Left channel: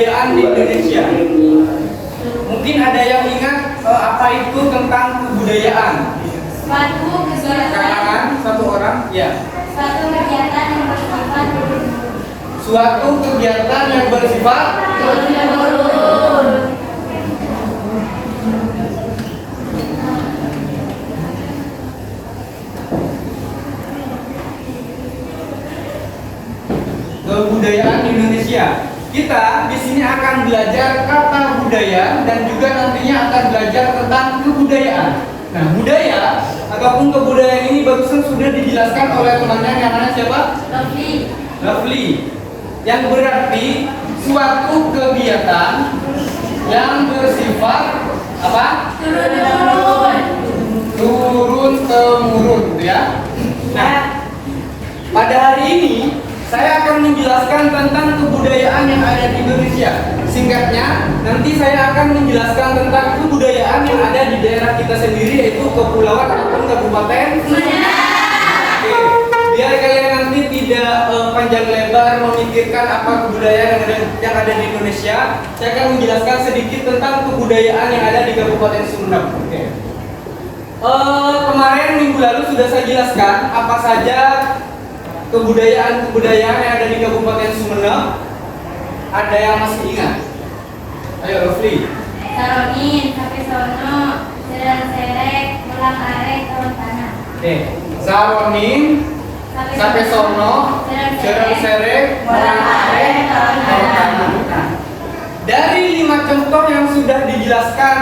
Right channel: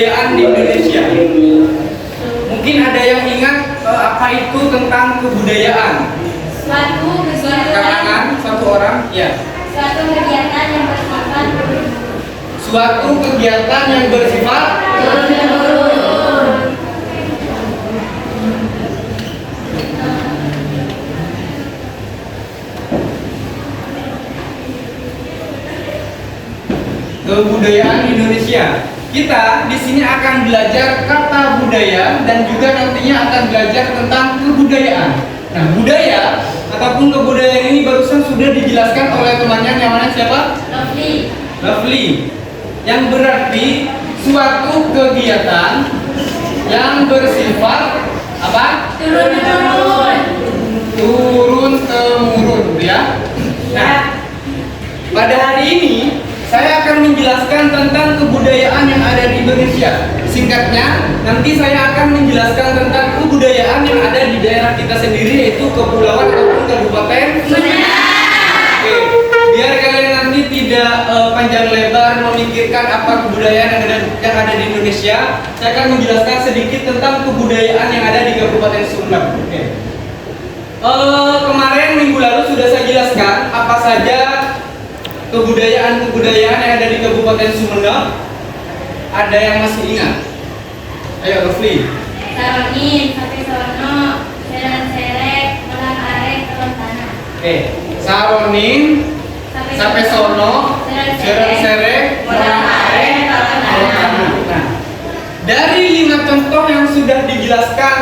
kebudayaan di Indonesia. Mungkin ada yang ingat apa itu tentang kebudayaan? Suatu kegiatan. Kalangan satu orang, ya. Suatu kegiatan yang bersifat Suatu kegiatan yang bersifat turun-temurun. kebudayaan di Indonesia. Kita di sini akan belajar kata budaya dan juga nantinya akan belajar tentang kebudayaan. Nah, budaya ataupun kebudayaan ini barusan sudah dijelaskan oleh temannya, yang mana siapa? Lovely. Yang berarti suatu kegiatan yang bersifat apa? Turun-temurun. Turun temurun, ya. Nah, pada hari ini saya akan menjelaskan tentang kebudayaan yang ada di Indonesia. Singkatnya, nanti saya akan menjelaskan tentang kebudayaan yang ada di daerah kita sendiri, yaitu kepulauan ataupun kabupaten. Oke, biar kalian nanti tidak panjang lebar memikirkan apa kebudayaan yang ada di Indonesia, saya akan menjelaskan sedikit tentang kebudayaan yang ada di Kabupaten Sumedang. Oke. Kemarin minggu lalu sudah saya jelaskan apa saja kebudayaan-kebudayaan yang ada di Kabupaten Sumedang. Ada yang masih ingat? Ayo, Rufli. Saronin, sampai sono, serang serek, ulang arek, turun tanah. Oke, Saronin, sampai sono, serang serek, ulang arek, turun tanah. Nah, dari 5 contoh yang sudah dijelaskan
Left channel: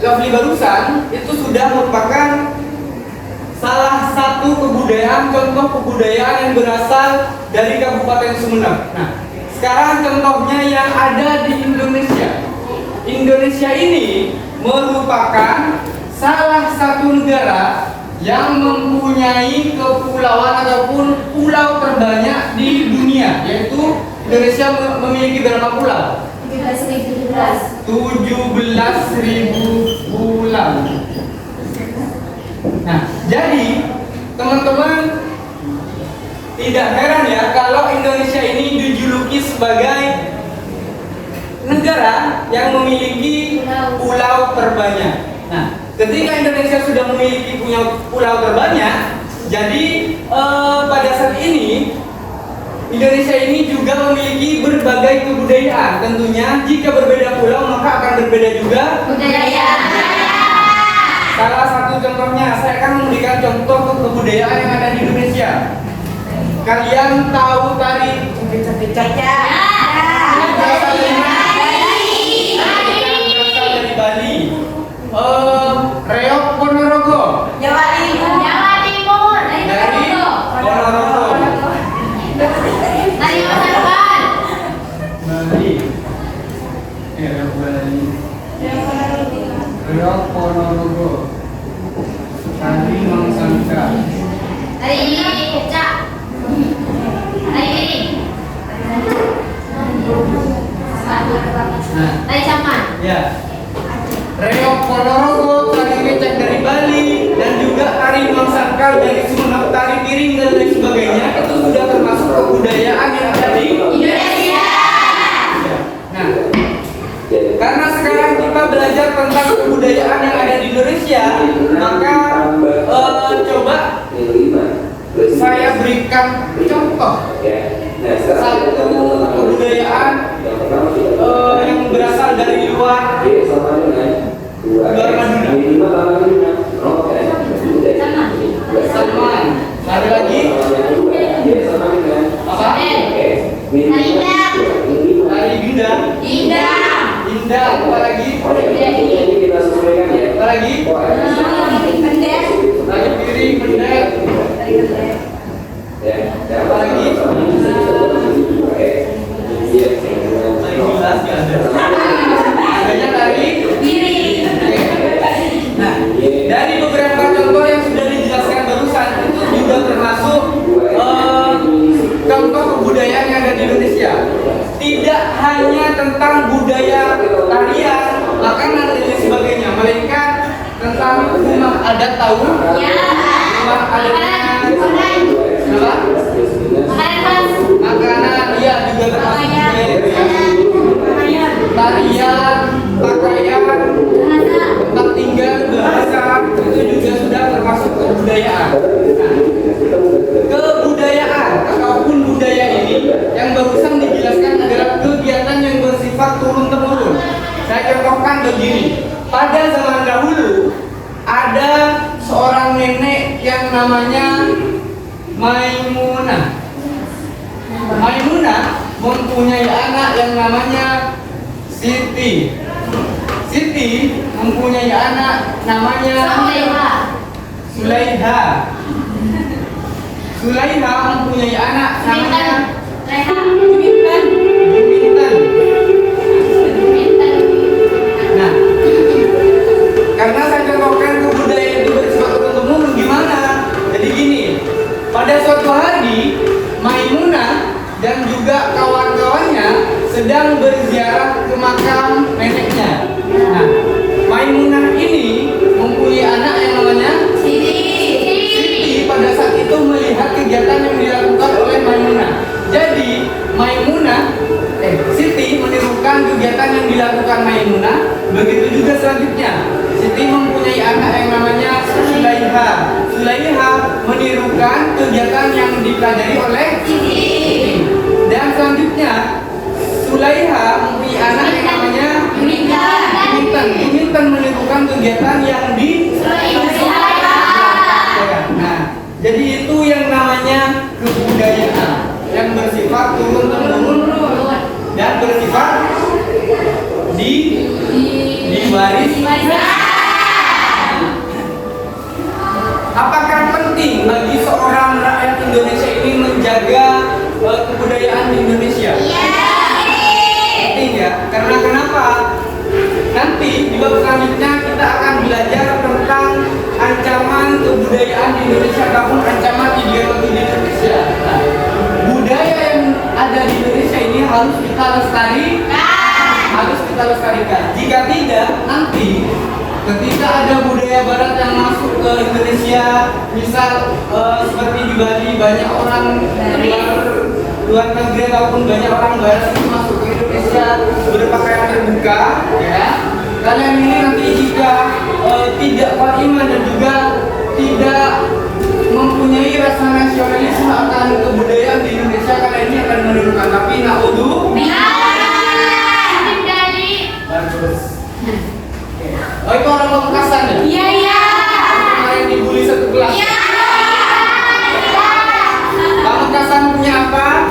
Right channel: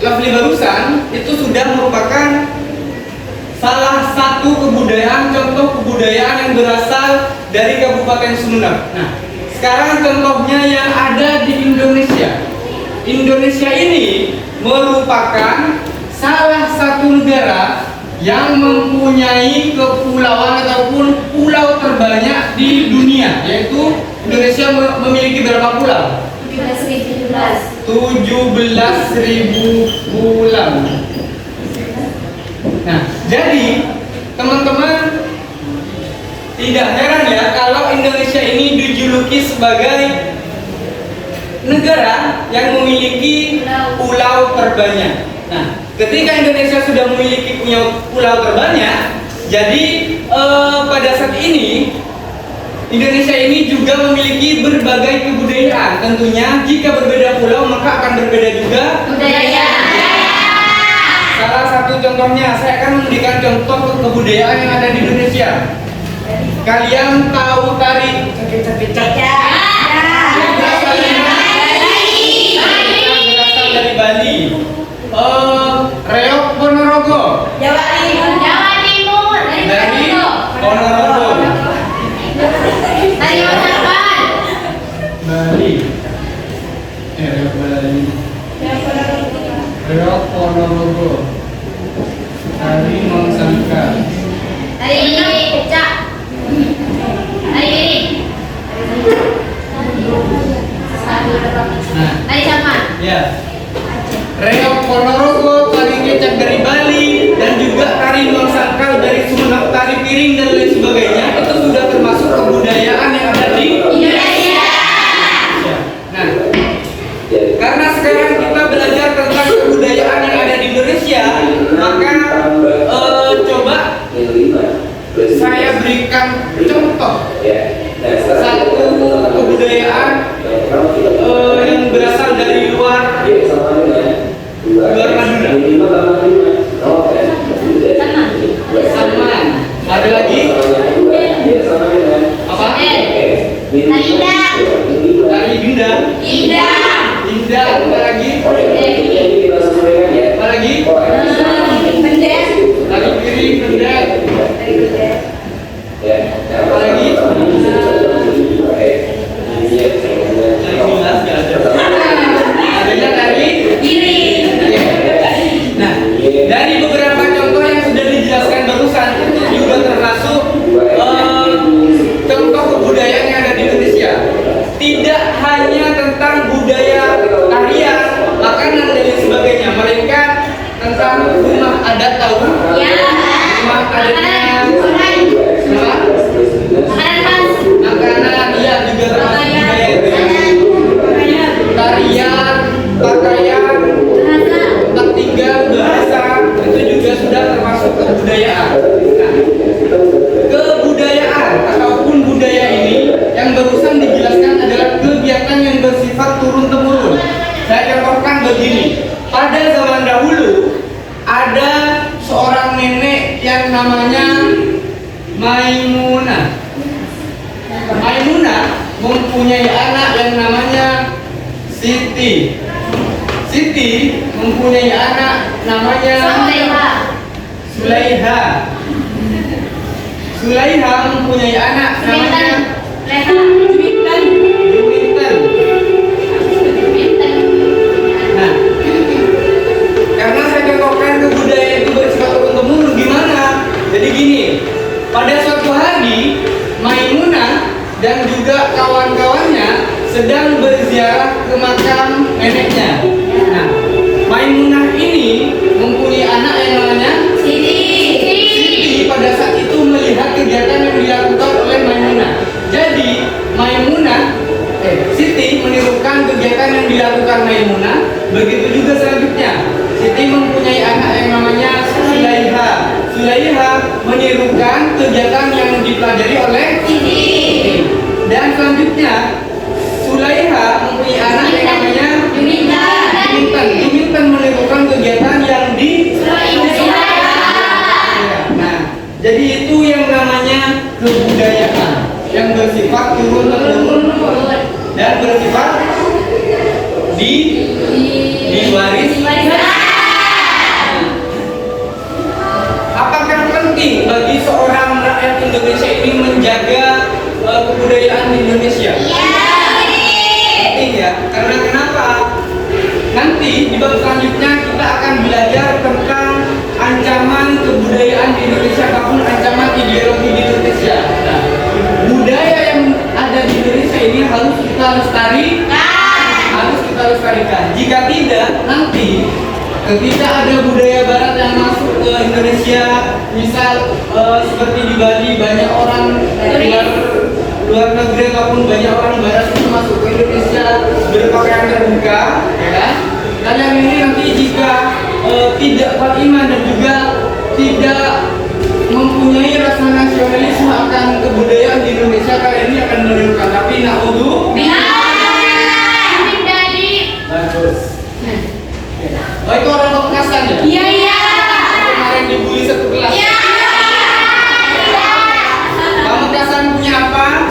Lovely barusan, itu sudah merupakan salah satu kebudayaan, contoh kebudayaan yang berasal dari Kabupaten Sumedang. Nah, sekarang contohnya yang ada di Indonesia. Indonesia ini merupakan salah satu negara yang mempunyai kepulauan ataupun pulau terbanyak di dunia, yaitu Indonesia memiliki berapa pulau? 17.000 pulau. Nah, jadi teman-teman tidak heran ya kalau Indonesia ini dijuluki sebagai negara yang memiliki pulau terbanyak. Nah, ketika Indonesia sudah memiliki pulau terbanyak, jadi pada saat ini Indonesia ini juga memiliki berbagai kebudayaan. Tentunya jika berbeda pulau maka akan berbeda juga Budaya. Salah satu contohnya, saya akan memberikan contoh kebudayaan yang ada di Indonesia. Kalian tahu tari capek-capek? Berasal dari Bali. Reok Ponorogo. Jawa Timur. Dari Ponorogo. Dari Masakan. Bali. Reok Bali. Reok Ponorogo. Tari Mangsangka. Dari ini Kecak. Dari ini. Nah, Dari Saman. ya. Reok Ponorogo, tari kecak dari Bali, dan juga tari Mangsangka dari Sumenep, tari piring dan lain sebagainya, itu sudah termasuk kebudayaan yang ada di Indonesia. Ya. Nah, karena sekarang kita belajar tentang kebudayaan yang ada di Indonesia, maka coba saya berikan contoh satu kebudayaan yang berasal dari luar Madura. Salman. Ada lagi? Apa? Tari Ginda. Indah. Apa lagi? Apa lagi? Tari piring, pendet. Apa lagi? Tari gelas nggak ada. Adanya tari. Nah, dari beberapa contoh yang sudah dijelaskan barusan itu juga termasuk contoh kebudayaan yang ada di Indonesia. Tidak hanya tentang budaya tarian, makanan dan lain sebagainya, melainkan tentang rumah adat. Tahu? Rumah adatnya makanan, iya juga termasuk budaya itu ya. mempunyai anak yang namanya Siti. Siti mempunyai anak namanya Sulaiha. Sulaiha mempunyai anak namanya Juminten. Nah, karena saya cocokkan ke budaya itu bersifat turun-temurun gimana? Jadi gini, pada suatu hari Maimunah dan juga kawan-kawannya sedang berziarah ke makam neneknya. Nah, Maimunah ini mempunyai anak yang namanya Siti. Pada saat itu melihat kegiatan yang dilakukan oleh Maimunah. Jadi Siti menirukan kegiatan yang dilakukan Maimunah. Begitu juga selanjutnya, Siti mempunyai anak yang namanya Sulaiha. Sulaiha menirukan kegiatan yang dipelajari oleh Siti. Dan selanjutnya, Sulaiha mempunyai anak yang namanya Juminten. Juminten menirukan kegiatan yang di Nah, jadi itu yang namanya kebudayaan yang bersifat turun-temurun dan bersifat diwaris. Apakah penting bagi seorang rakyat Indonesia ini menjaga kebudayaan di Indonesia? Penting ya, karena kenapa? Nanti di bab selanjutnya kita akan belajar tentang ancaman kebudayaan di Indonesia ataupun ancaman ideologi di Indonesia. Nah, budaya yang ada di Indonesia ini harus kita lestarikan. Jika tidak, nanti ketika ada budaya Barat yang masuk ke Indonesia, misal seperti di Bali banyak orang luar negeri ataupun banyak orang Barat yang masuk ke Indonesia berpakaian terbuka, ya. Kalian ini nanti jika tidak kuat iman dan juga tidak mempunyai rasa nasionalisme akan kebudayaan di Indonesia, kalian ini akan menirukan. Tapi bagus. Oh, itu orang Pamekasan ya? Iya. Kemarin dibully satu kelas. Iya. Pamekasan punya apa?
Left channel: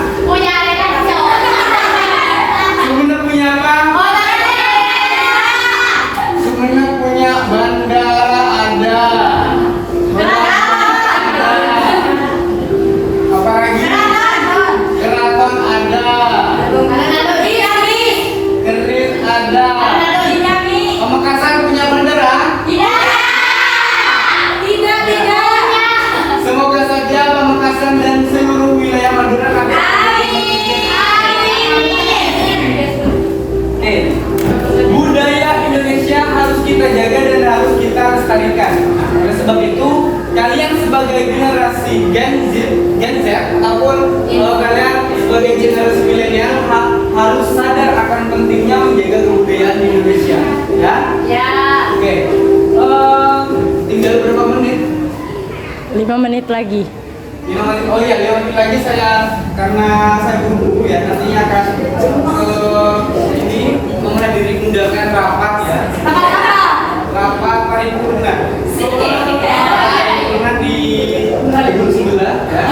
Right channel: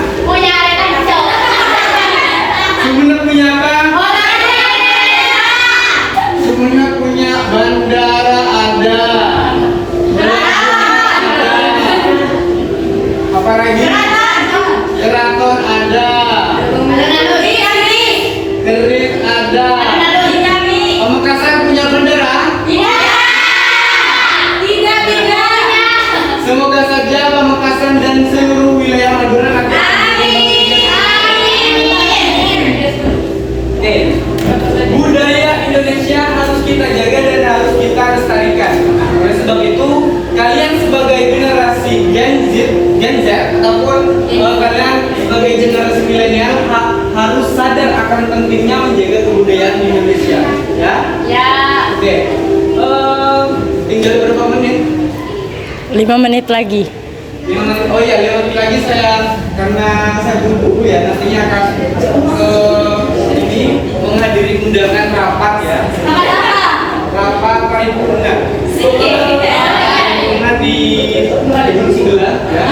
Sumenep punya apa? Sumenep punya bandara ada. Apa lagi? Keraton ada. Kerit ada. Pamekasan punya bandara? Semoga saja Pamekasan dan seluruh wilayah Madura nanti budaya Indonesia harus kita jaga dan harus kita lestarikan. Oleh sebab itu, kalian sebagai generasi Gen Z ataupun kalian sebagai generasi milenial harus sadar akan pentingnya menjaga kebudayaan di Indonesia. Ya? Oke. Tinggal berapa menit? 5 menit lagi. 5 menit. Oh iya, 5 menit lagi karena saya buru-buru ya, nantinya akan ini menghadiri undangan rapat ya. Rapat paripurna. Paripurna di gedung sebelah ya.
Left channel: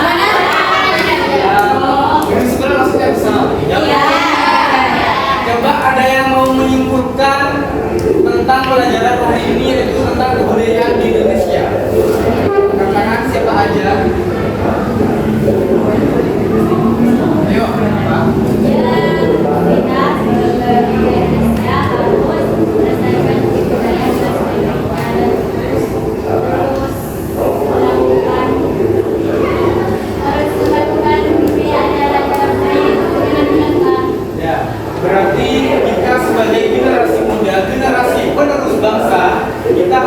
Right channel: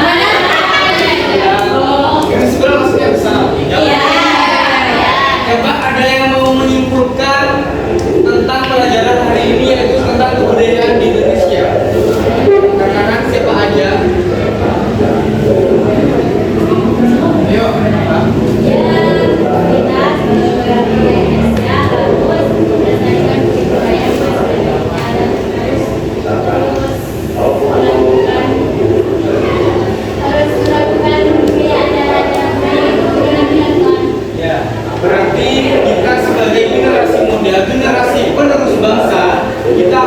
Gedung sebelah maksudnya bersama. Coba ada yang mau menyimpulkan tentang pelajaran hari ini, yaitu tentang kebudayaan di Indonesia. Rekan-rekan siapa aja? Ayo, Pak. Ya, berarti kita sebagai generasi muda, generasi penerus bangsa, kita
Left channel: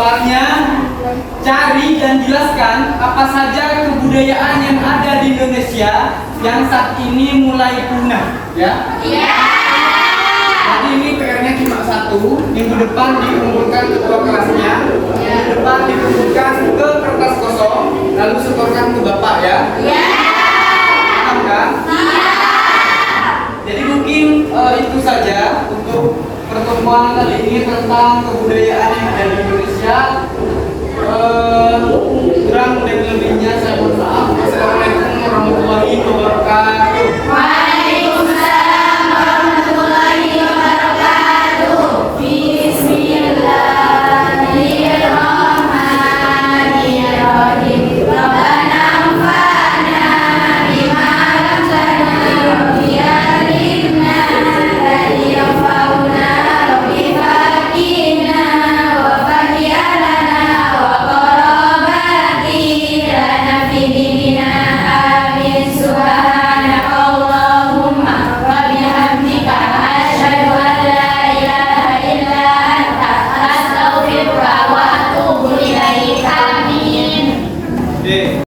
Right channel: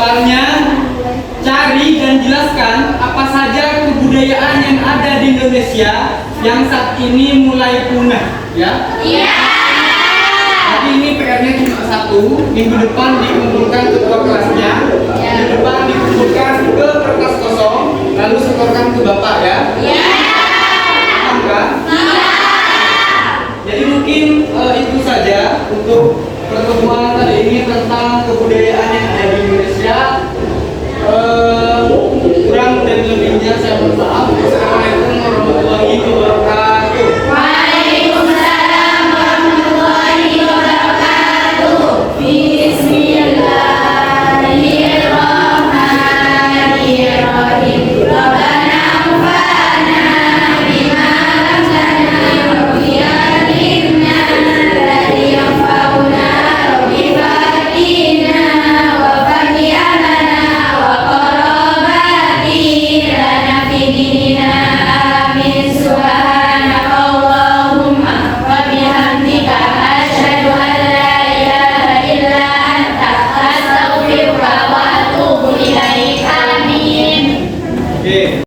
soalnya cari dan jelaskan apa saja kebudayaan yang ada di Indonesia yang saat ini mulai punah, ya. Jadi ini PR-nya cuma satu. Minggu depan dikumpulkan ketua kelasnya, minggu depan dikumpulkan ke kertas kosong, lalu setorkan ke bapak, ya. Paham kan? Jadi mungkin itu saja untuk pertemuan kali ini tentang kebudayaan yang ada di Indonesia. Kurang dan lebihnya saya mohon maaf. Wassalamualaikum warahmatullahi wabarakatuh.